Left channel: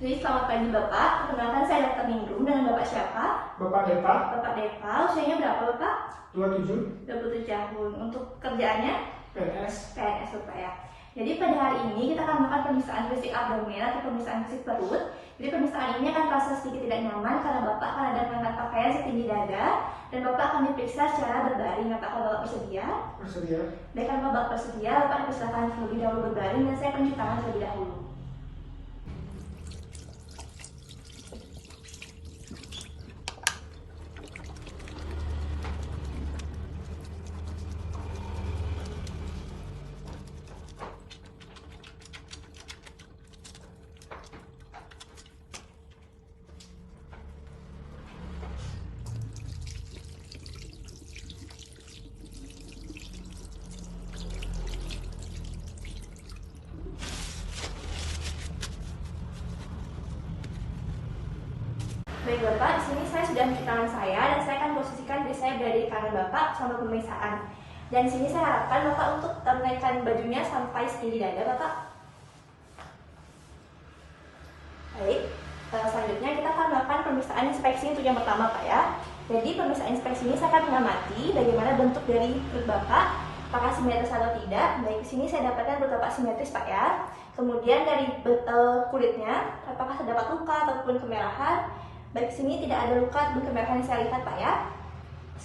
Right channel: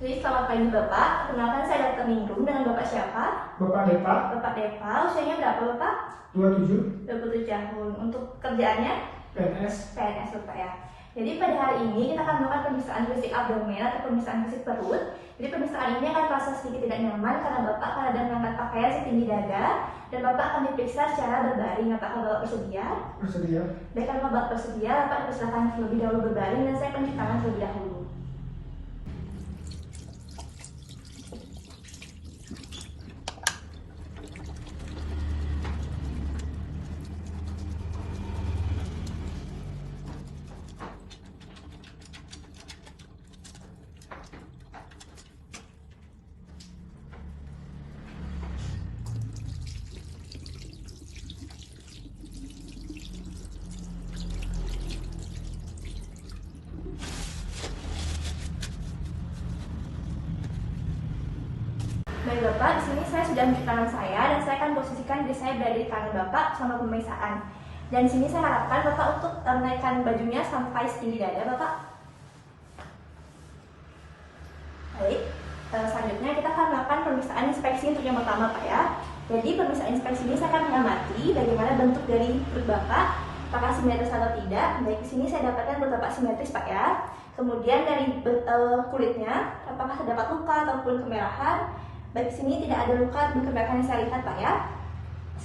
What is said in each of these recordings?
Jadi selamat pagi Bapak, perkenalkan saya Dr. Ningrum dengan Bapak siapa? Bapak Depa, Bapak Depa, usianya berapa Bapak? 27, 27 tahun. Untuk kerjaannya? PNS. PNS Bapak ya. Jadi pada hari ini kita akan melakukan pemeriksaan fisik abdomen atau pemeriksaan fisik perut. Jadi pemeriksaan ini akan terasa sedikit tidak nyaman karena Bapak akan ada mengangkat pakaian setinggi dada dan Bapak akan diperiksa secara berbaring. Apakah Bapak bersedia? Bersedia. Baik, kalau Bapak bersedia, Bapak dipersilakan terlebih dahulu berbaring dan saya akan cuci tangan terlebih dahulu. Baik Bapak, di sini saya sudah mencuci tangan saya dan saya akan posisikan diri saya berada di kanan Bapak selama pemeriksaan. Dan di sini saya harapkan Bapak untuk menaikkan bajunya sampai setinggi dada Bapak. Baik, selanjutnya kita akan melakukan pemeriksaan inspeksi untuk yang pertama Pak ya. Jadi pemeriksaan inspeksi ini saya akan mengamati bagaimana bentuk dari perut Bapak, apakah simetris atau tidak. Baik, di sini saya dapatkan perut Bapak simetris Pak ya. Kemudian dari kulitnya, apakah terdapat luka ataupun kemerahan. Baik, di sini tidak ada luka kemerahan yang saya lihat Pak ya.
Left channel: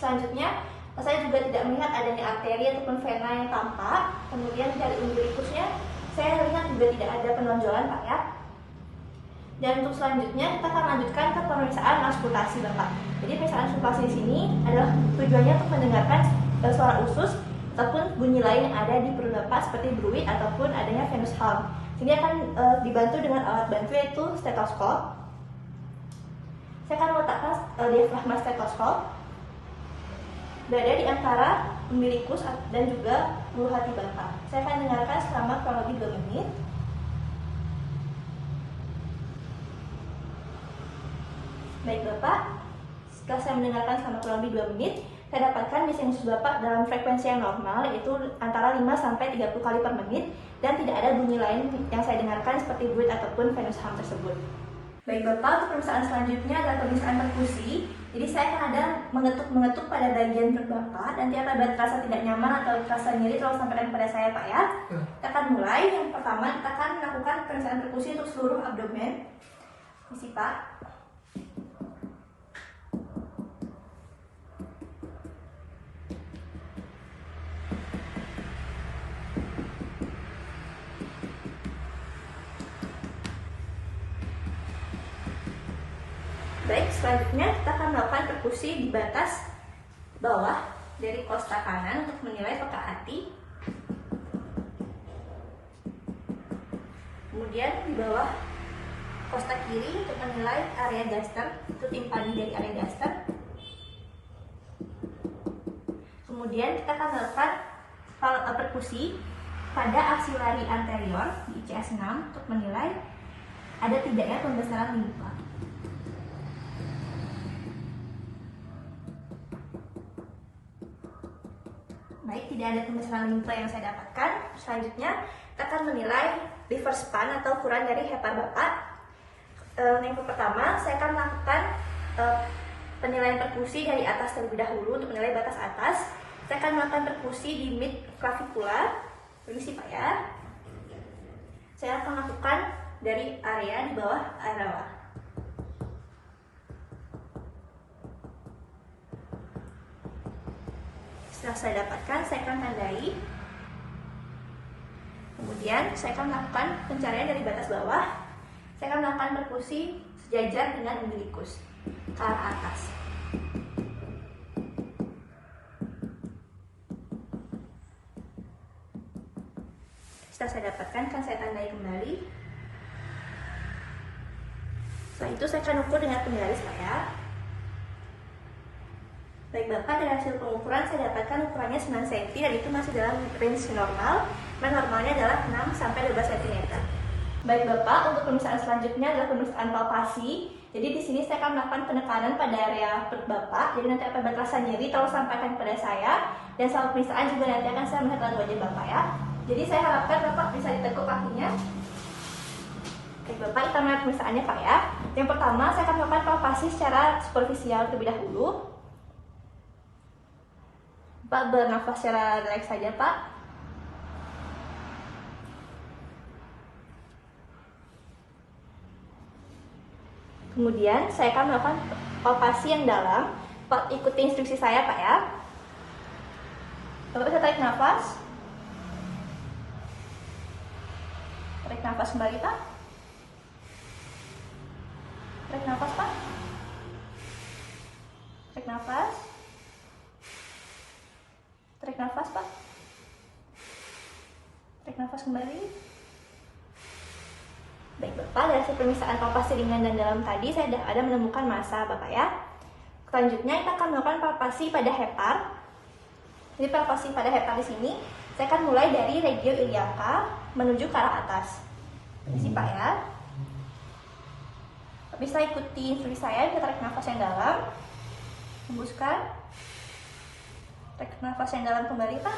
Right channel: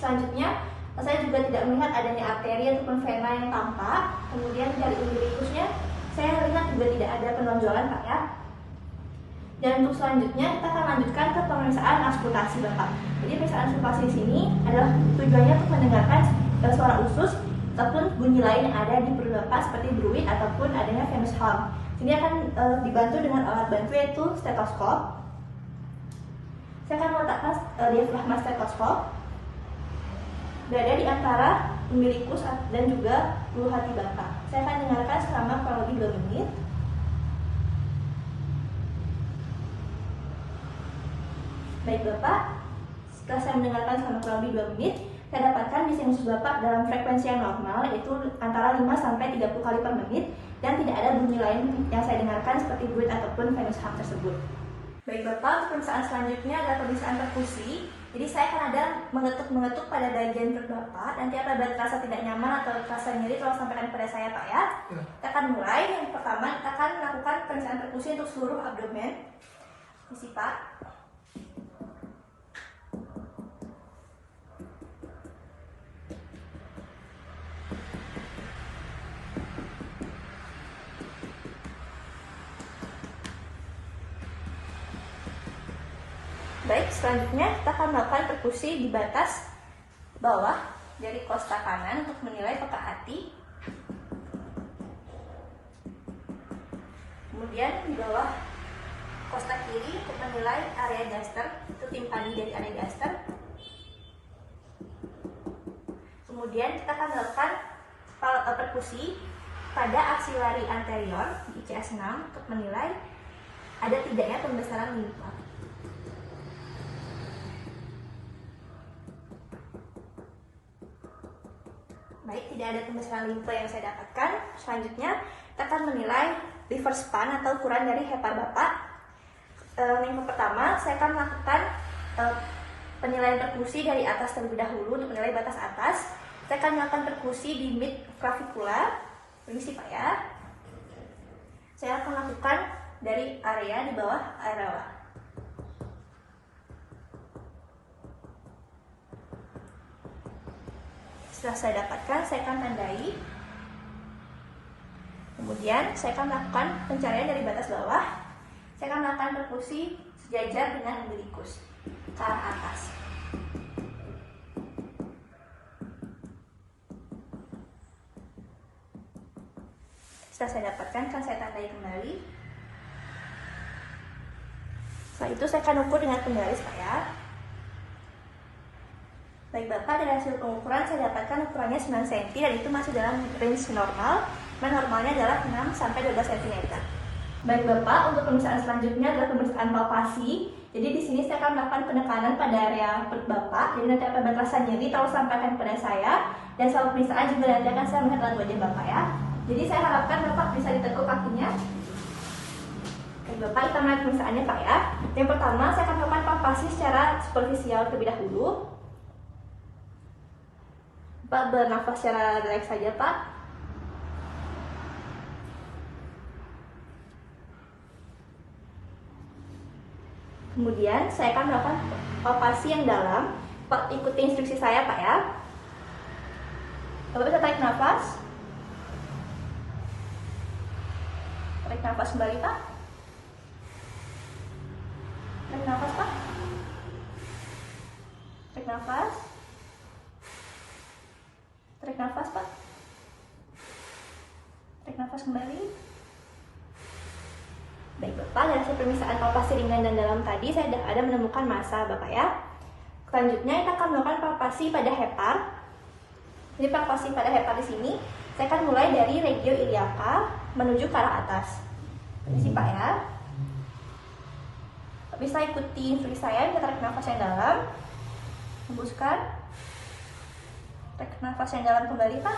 Selanjutnya, saya juga tidak melihat adanya arteri ataupun vena yang tampak. Kemudian dari umbilikusnya, saya lihat juga tidak ada penonjolan Pak ya. Dan untuk selanjutnya, kita akan lanjutkan ke pemeriksaan auskultasi Bapak. Jadi pemeriksaan auskultasi di sini adalah tujuannya untuk mendengarkan suara usus ataupun bunyi lain yang ada di perut Bapak seperti bruit ataupun adanya venous hum. Ini akan dibantu dengan alat bantu yaitu stetoskop. Saya akan meletakkan diafragma stetoskop berada di antara umbilikus dan juga ulu hati Bapak. Saya akan dengarkan selama kurang lebih 2 menit. Baik Bapak, setelah saya mendengarkan selama kurang lebih 2 menit, saya dapatkan di sinus Bapak dalam frekuensi yang normal yaitu antara 5-30 kali per menit dan tidak ada bunyi lain yang saya dengarkan seperti bruit ataupun venous hum tersebut. Baik Bapak, untuk pemeriksaan selanjutnya adalah pemeriksaan perkusi. Jadi saya akan ada mengetuk pada bagian perut Bapak. Nanti apabila terasa tidak nyaman atau terasa nyeri, tolong sampaikan kepada saya Pak ya. Kita akan mulai. Yang pertama kita akan melakukan pemeriksaan perkusi untuk seluruh abdomen. Isi Pak. Baik, selanjutnya kita akan melakukan perkusi di batas bawah dari kosta kanan untuk menilai peka hati. Kemudian di bawah kosta kiri untuk menilai area gaster, itu timpani dari area gaster. Kemudian kita akan melakukan perkusi pada aksilari anterior di ICS 6 untuk menilai ada tidaknya pembesaran limpa. Baik, tidak ada pembesaran limpa yang saya dapatkan. Selanjutnya, kita akan menilai liver span atau ukuran dari hepar Bapak. Yang pertama, saya akan melakukan penilaian perkusi dari atas terlebih dahulu untuk menilai batas atas. Saya akan melakukan perkusi di mid clavicula. Ini sih Pak ya. Saya akan lakukan dari area di bawah areola. Setelah saya dapatkan, saya akan tandai. Kemudian saya akan melakukan pencarian dari batas bawah. Saya akan melakukan perkusi sejajar dengan umbilikus ke arah atas. Setelah saya dapatkan, kan saya tandai kembali. Setelah itu saya akan ukur dengan penggaris Pak ya. Baik Bapak, dari hasil pengukuran saya dapatkan ukurannya 9 cm dan itu masih dalam range normal. Normalnya adalah 6-12 cm. Baik Bapak, untuk pemeriksaan selanjutnya adalah pemeriksaan palpasi. Jadi di sini saya akan melakukan penekanan pada area perut Bapak. Jadi nanti apabila terasa nyeri, tolong sampaikan kepada saya. Dan selama pemeriksaan juga nanti akan saya melihat wajah Bapak ya. Jadi saya harapkan Bapak bisa ditekuk kakinya. Oke, Baik Bapak, kita mulai pemeriksaannya Pak ya. Yang pertama, saya akan melakukan palpasi secara superficial terlebih dahulu. Pak bernafas secara rileks saja Pak. Kemudian saya akan melakukan palpasi yang dalam. Pak ikuti instruksi saya Pak ya. Bapak bisa tarik nafas. Tarik nafas kembali Pak. Tarik nafas Pak. Tarik nafas. Tarik nafas Pak. Tarik nafas kembali. Baik Bapak, dari hasil pemeriksaan palpasi ringan dan dalam tadi saya sudah ada menemukan massa Bapak ya. Selanjutnya kita akan melakukan palpasi pada hepar. Jadi palpasi pada hepar di sini saya akan mulai dari regio iliaca menuju ke arah atas. Permisi Pak ya. Bisa ikuti instruksi saya, kita tarik nafas yang dalam. Hembuskan. Tarik nafas yang dalam kembali Pak.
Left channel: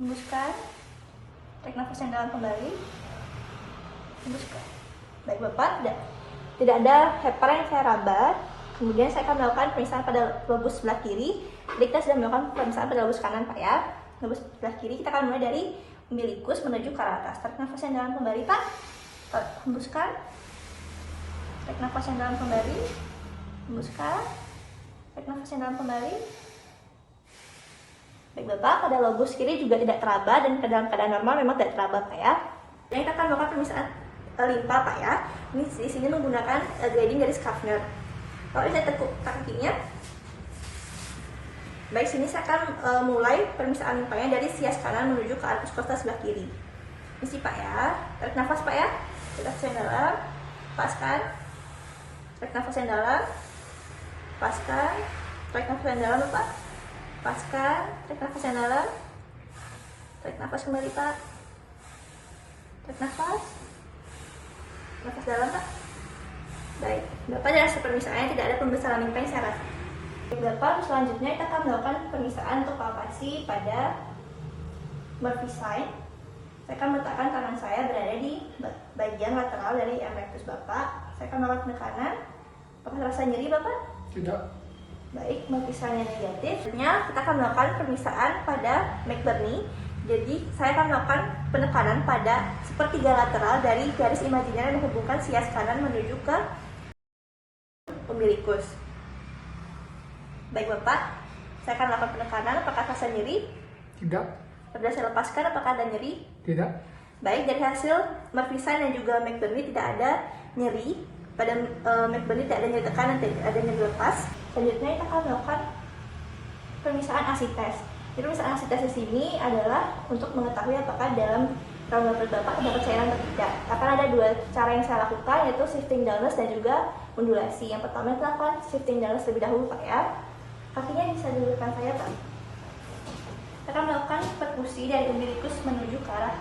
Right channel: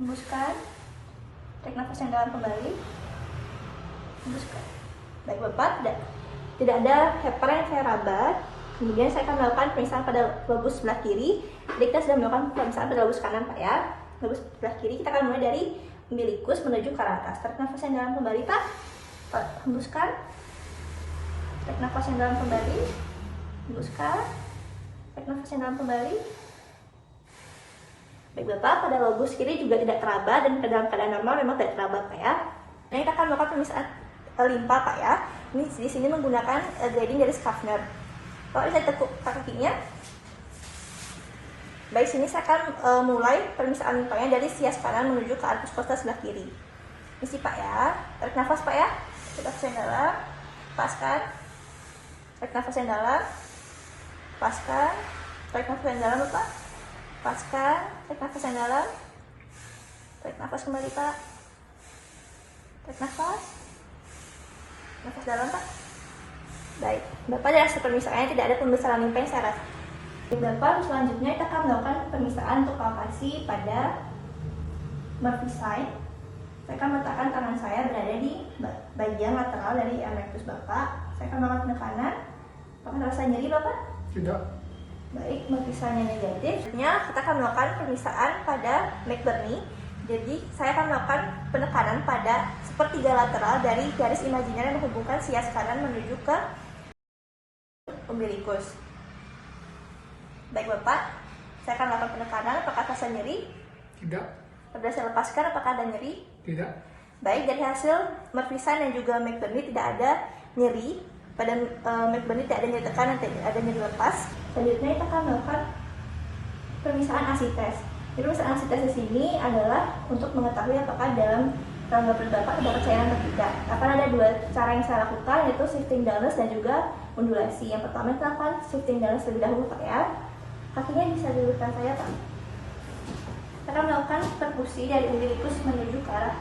Hembuskan. Tarik nafas yang dalam kembali. Hembuskan. Baik Bapak, tidak ada hepar yang saya raba. Kemudian saya akan melakukan pemeriksaan pada lobus sebelah kiri. Jadi kita sudah melakukan pemeriksaan pada lobus kanan Pak ya. Lobus sebelah kiri kita akan mulai dari umbilikus menuju ke arah atas. Tarik nafas yang dalam kembali Pak. Hembuskan. Tarik nafas yang dalam kembali. Hembuskan. Tarik nafas yang dalam kembali. Baik Bapak, pada lobus kiri juga tidak teraba dan dalam keadaan normal memang tidak teraba Pak ya. Dan kita akan melakukan pemeriksaan limpa Pak ya. Ini di sini menggunakan grading dari Schaffner. Kalau saya tekuk kakinya. Baik, sini saya akan mulai pemeriksaan limpanya dari sias kanan menuju ke arcus costa sebelah kiri. Isi Pak ya. Tarik nafas Pak ya. Tarik nafas yang dalam. Lepaskan. Tarik nafas yang dalam. Lepaskan. Tarik nafas yang dalam Pak. Lepaskan. Tarik nafas yang dalam. Tarik nafas kembali Pak. Tarik nafas. Nafas dalam Pak. Baik, Bapak dari hasil pemeriksaannya tidak ada pembesaran limpa yang saya rasa. Bapak, selanjutnya kita akan melakukan pemeriksaan untuk palpasi pada Murphy sign. Saya akan meletakkan tangan saya berada di bagian lateral dari erectus Bapak. Saya akan melakukan penekanan. Apakah terasa nyeri Bapak? Tidak. Baik, Murphy sign-nya negatif. Selanjutnya kita akan melakukan pemeriksaan pada McBurney. Jadi saya akan melakukan penekanan pada sepertiga lateral dari garis imajiner yang menghubungkan sias kanan menuju ke umbilikus. Baik Bapak, saya akan melakukan penekanan. Apakah terasa nyeri? Tidak. Pada saya lepaskan, apakah ada nyeri? Tidak. Baik, dari hasil Murphy sign dan juga McBurney tidak ada nyeri. Pada McBurney tidak ada nyeri tekan dan tidak ada nyeri lepas. Selanjutnya kita akan melakukan pemeriksaan ASI test. Jadi pemeriksaan ASI test di sini adalah untuk mengetahui apakah dalam rongga perut Bapak terdapat cairan atau tidak. Akan ada dua cara yang saya lakukan, yaitu shifting downwards dan juga undulasi. Yang pertama kita akan shifting downwards terlebih dahulu Pak ya. Kakinya bisa di depan saya Pak. Kita akan melakukan perkusi dari umbilikus menuju ke arah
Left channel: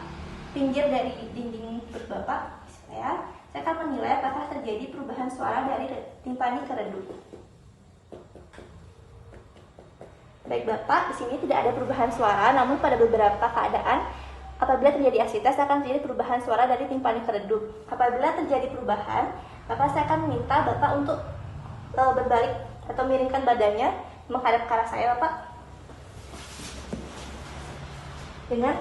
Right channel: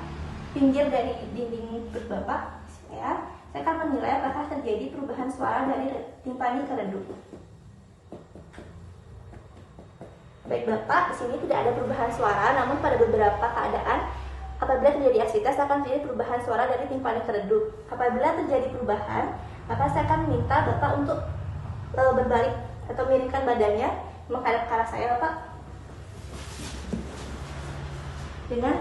pinggir dari dinding perut Bapak. Saya akan menilai apakah terjadi perubahan suara dari timpani ke redup. Baik Bapak, di sini tidak ada perubahan suara, namun pada beberapa keadaan apabila terjadi asites akan terjadi perubahan suara dari timpani ke redup. Apabila terjadi perubahan, maka saya akan meminta Bapak untuk berbalik atau miringkan badannya menghadap ke arah saya Bapak. Dengan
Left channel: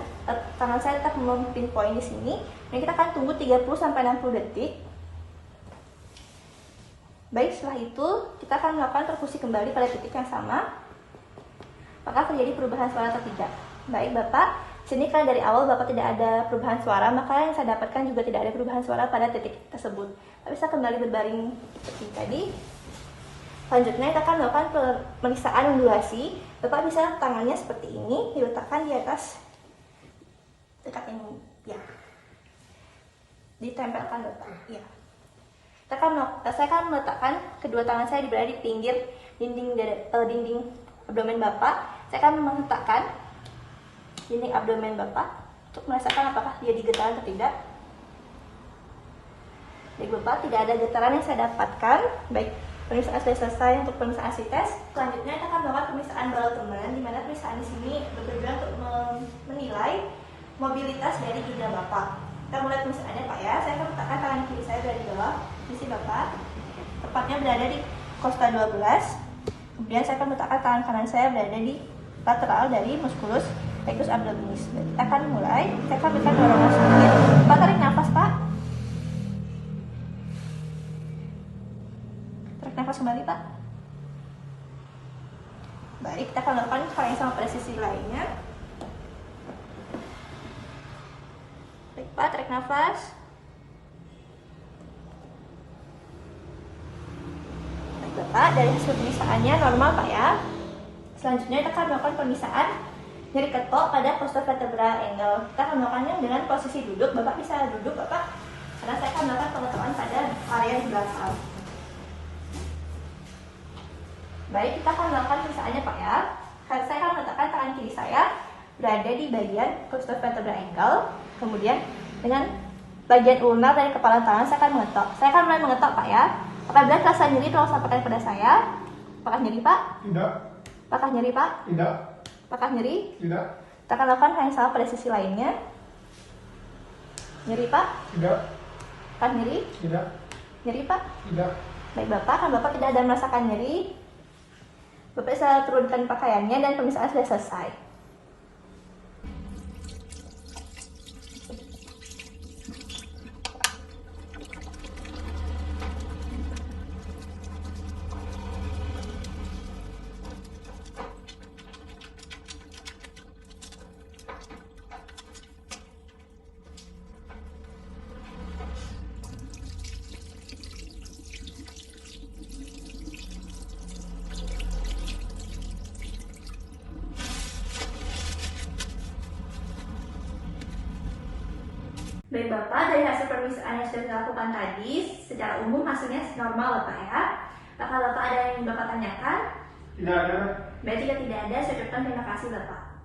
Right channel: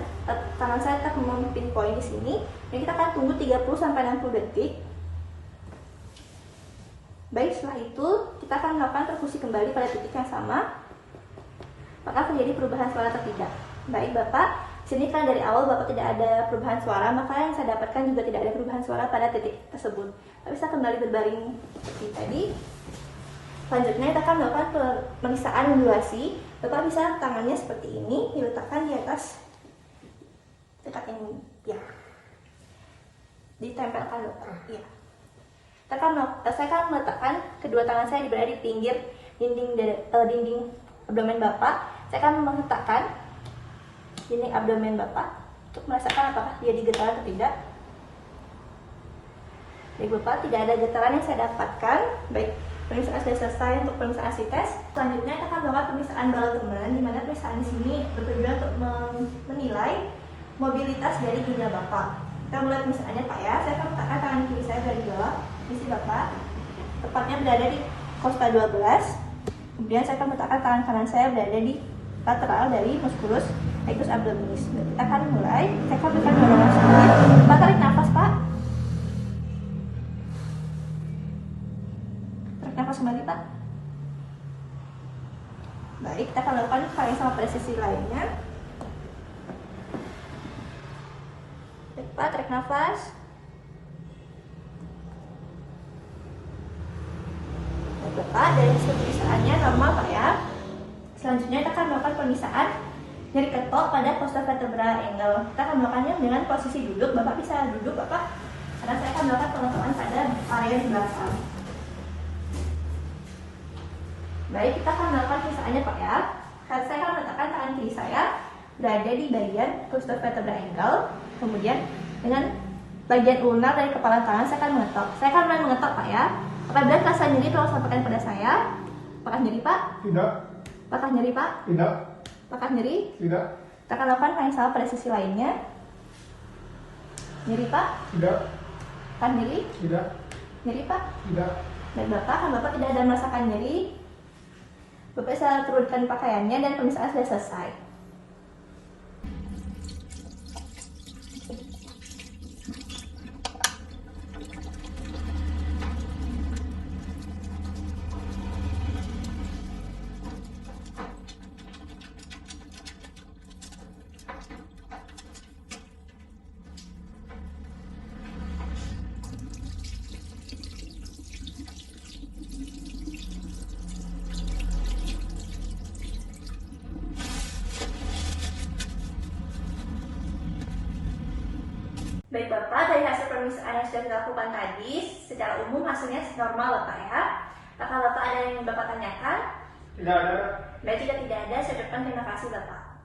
tangan saya tetap memimpin poin di sini, dan kita akan tunggu 30-60 detik. Baik, setelah itu kita akan melakukan perkusi kembali pada titik yang sama. Apakah terjadi perubahan suara atau tidak? Baik Bapak, sini kan dari awal Bapak tidak ada perubahan suara, maka yang saya dapatkan juga tidak ada perubahan suara pada titik tersebut. Tapi saya kembali berbaring seperti tadi. Selanjutnya kita akan melakukan pemeriksaan undulasi. Bapak bisa tangannya seperti ini, diletakkan di atas dekat ini, ya. Ditempelkan Bapak, ya. Saya akan meletakkan kedua tangan saya berada di pinggir dinding abdomen Bapak. Saya akan meletakkan dinding abdomen Bapak untuk merasakan apakah dia digetaran atau tidak. Baik Bapak, tidak ada getaran yang saya dapatkan. Baik, pemeriksaan sudah selesai untuk pemeriksaan ASI-tes. Selanjutnya kita akan melakukan pemeriksaan Bowel-Teman, di mana pemeriksaan di sini bertujuan untuk menilai mobilitas dari ginjal Bapak. Kita mulai pemisahannya Pak ya. Saya akan letakkan tangan kiri saya dari bawah sisi Bapak, tepatnya berada di kosta 12. Kemudian saya akan letakkan tangan kanan saya berada di lateral dari musculus rectus abdominis. Kita akan mulai. Saya akan berikan dorongan sedikit. Pak, tarik nafas Pak. Tarik nafas kembali Pak. Baik, kita akan lakukan hal yang sama pada sisi lainnya. Baik Pak, tarik nafas. Baik Bapak, dari hasil pemisahannya normal Pak ya. Selanjutnya kita akan melakukan pemisahan nyeri ketok pada costovertebral angle. Kita akan melakukannya dengan posisi duduk. Bapak bisa duduk Bapak, karena saya akan melakukan pengetahuan pada area di belakang. Baik, kita akan melakukan pemisahannya Pak ya. Saya akan meletakkan tangan kiri saya berada di bagian costovertebral angle. Kemudian dengan bagian ulnar dari kepala tangan saya akan mengetok. Saya akan mulai mengetok Pak ya. Apabila terasa nyeri tolong sampaikan kepada saya. Apakah nyeri Pak? Tidak. Apakah nyeri Pak? Tidak. Apakah nyeri? Tidak. Kita akan lakukan hal yang sama pada sisi lainnya. Nyeri Pak? Tidak. Apakah nyeri? Tidak. Nyeri Pak? Tidak. Baik Bapak, kan Bapak tidak ada merasakan nyeri. Bapak bisa turunkan pakaiannya dan pemisahan sudah selesai. Baik Bapak, dari hasil pemeriksaan yang sudah dilakukan tadi, secara umum hasilnya normal Bapak ya. Apakah Bapak ada yang Bapak tanyakan? Tidak ada. Baik, jika tidak ada, saya ucapkan terima kasih Bapak.